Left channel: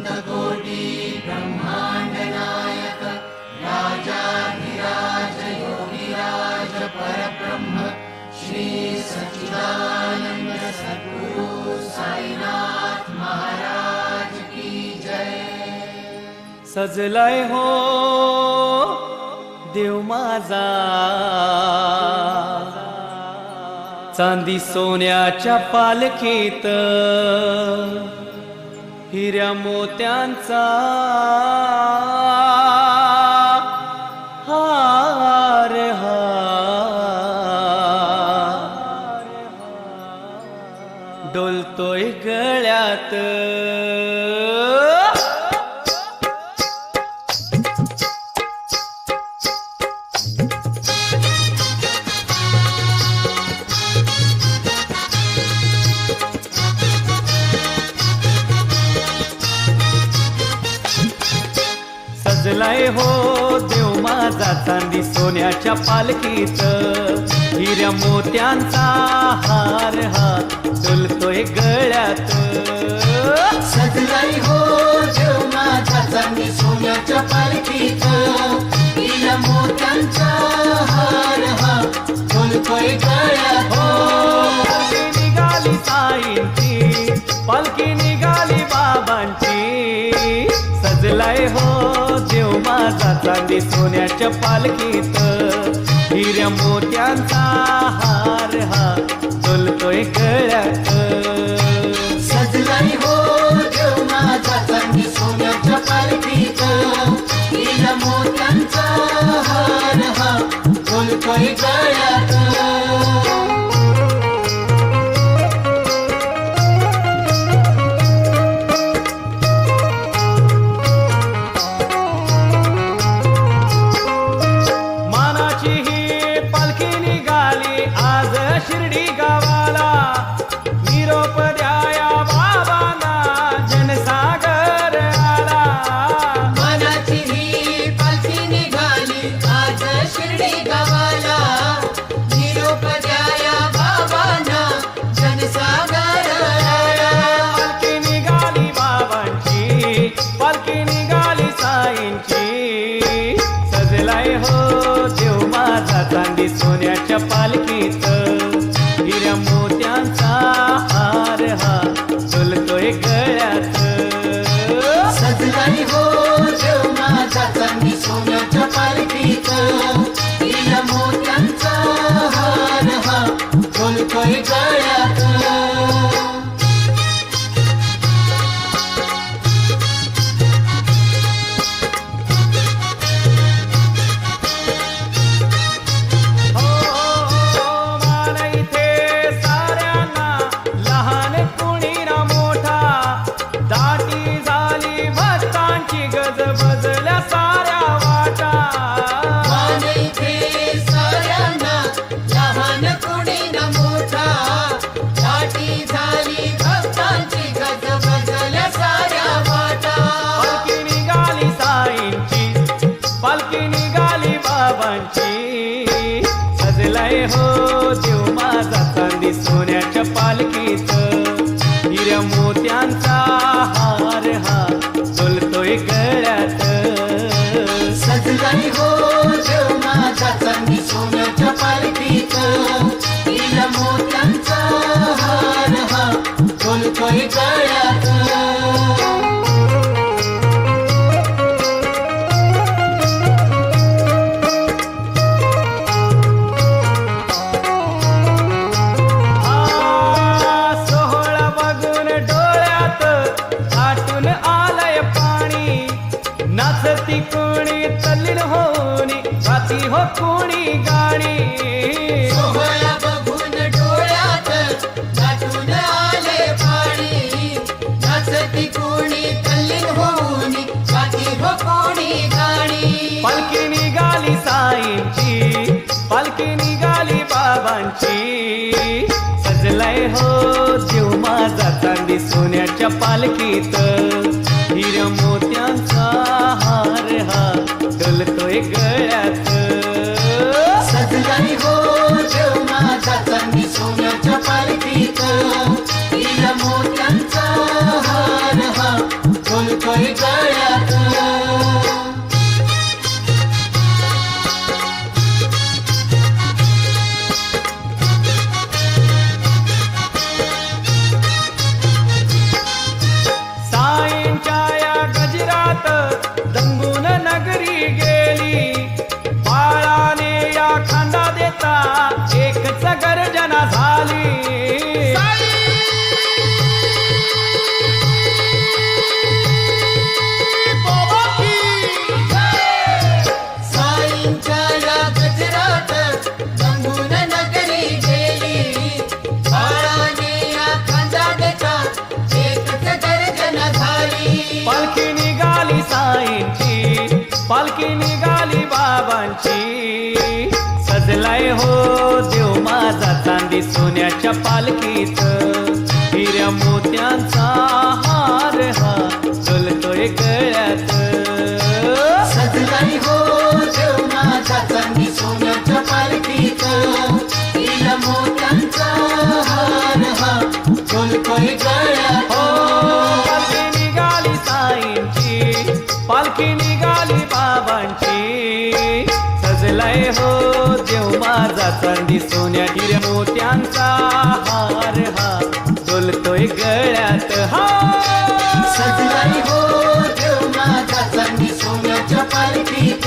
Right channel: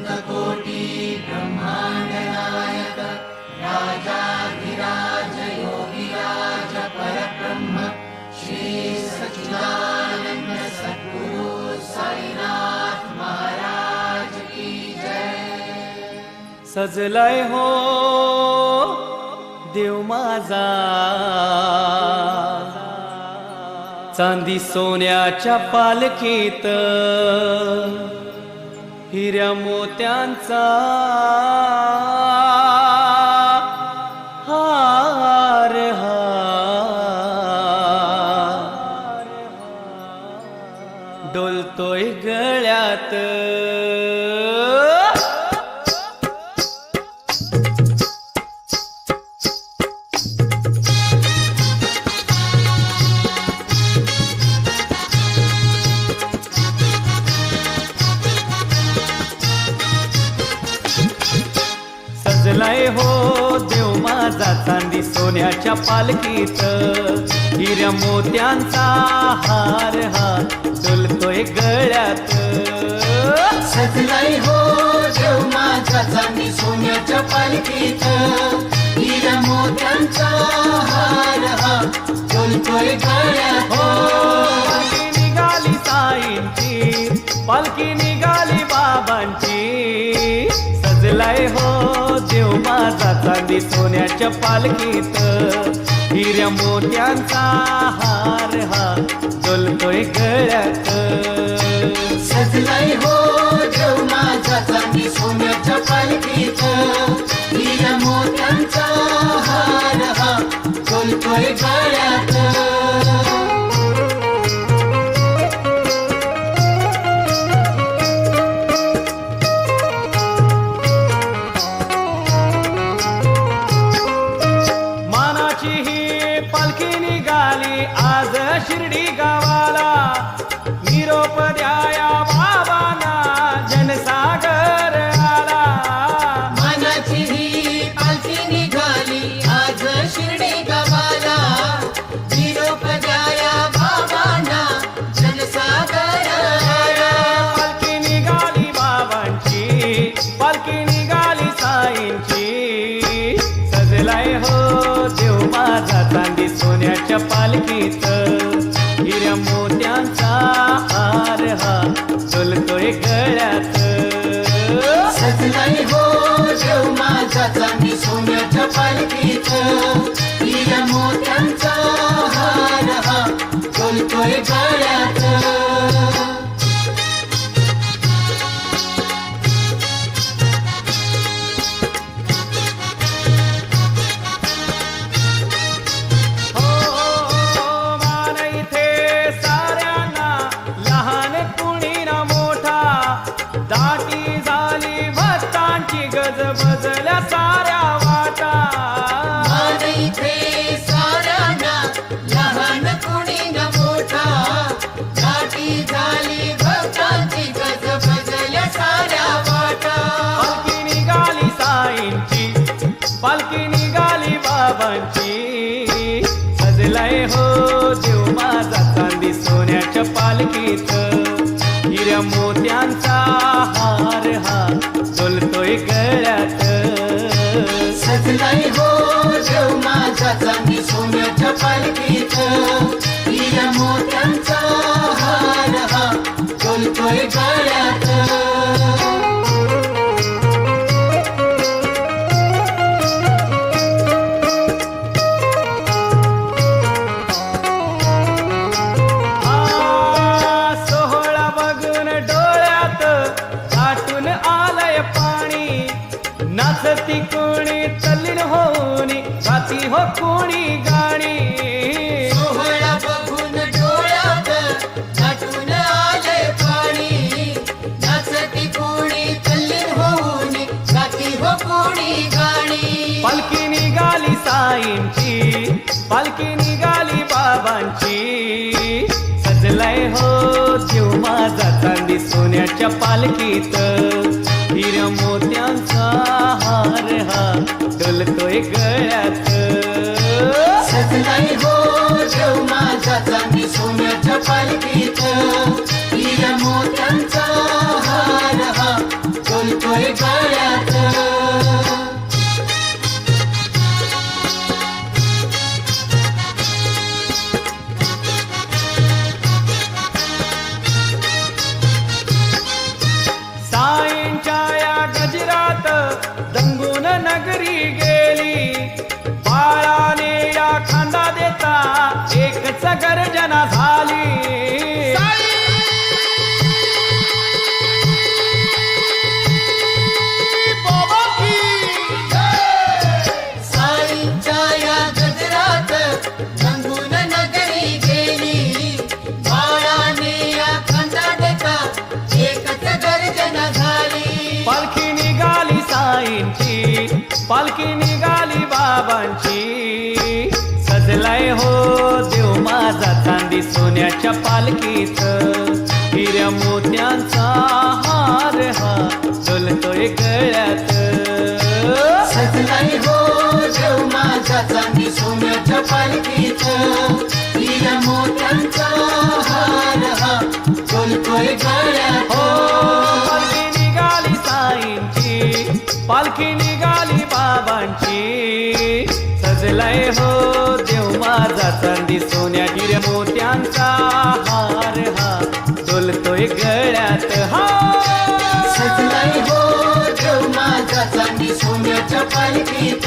अनन्तकोटि ब्रह्माण्डनायक राजाधिराज योगिराज परब्रह्म श्रीसच्चिदानन्द सद्गुरु साईनाथ महाराज की जय सजलय हो देव माझा. चांदी सोन्याच्या पालखीत हिऱ्या मोत्यांचा. हार हा डोलतोय गळ्यात. सजलाय हो देव माझा चांदी सोन्याच्या पालखीत. हिऱ्या मोत्यांचा हार हा डोलतोय गळ्यात. सजलाय हो देव माझा चांदी सोन्याच्या पालखीत. हिरा मोत्यांचा हार हा चलतोय गळ्यात. हो पालखी निघाली साईंची पालखी निघाली बाबांची. सजलाय हो माझा चांदी सोन्याच्या पालखीत. हिऱ्या मोत्यांचा हार हा चलतोय गळ्यात. निरोप द्याया बाबांना जनसागर आला. मनाची ही पालखी निघाली आज शिर्डी गावाला. निरोप द्याया बाबांना जनसागर ए, पालखी निघाली बाबांची पालखी निघाली साईंची. सजलाय हो देव माझा चांदी सोन्याच्या पालखीत. हा डोलतोय गळ्यात सोन्याच्या हो पालखीत. मोत्यांचा हार हा चलतोय गळ्यात. भक्तांची गज बजल्या साऱ्या वाटा. पालखी निघाली साईंची पालखी निघाली बाबांची. सजलाय हो देव माझा चांदी सोन्याच्या पालखीत मोत्यांचा हार हा डोलतोय गळ्यात. सजलाय हो देव माझा चांदी सोन्याच्या पालखीत. मोत्यांचा हार हा चलतोय गळ्यात. नाचती कोणी तल्लीन होऊनी गाती हो कोणी गाणी. हो पालखी निघाली साईंची पालखी निघाली बाबांची. सजलाय हो देव माझा चांदी सोन्याच्या पालखीत. हिर मोत्यांचा हार हा डोलतोय गळ्यात. सजलाय हो देव चांदी सोन्याच्या पालखीत. गेली. बाळाने या खांदा देता एकच गर्जना झाली. साईंच्या पालखी निघाली बाबांची. सजलाय हो देव माझा चांदी सोन्याच्या पालखीत. हिऱ्या मोत्यांचा हार हा चलतोय गळ्यात. हो देव माझा सोन्याच्या मोत्यांचा हार हा गळ्यात. पालखी निघाली बाबांची. सजलाय हो देव माझा चांदी सोन्या हिर मोत्यांचा हार हा. डोलतोय गळ्यात हा. सजलाय हो देव माझा चांदी सोन्याच्या पालखीत.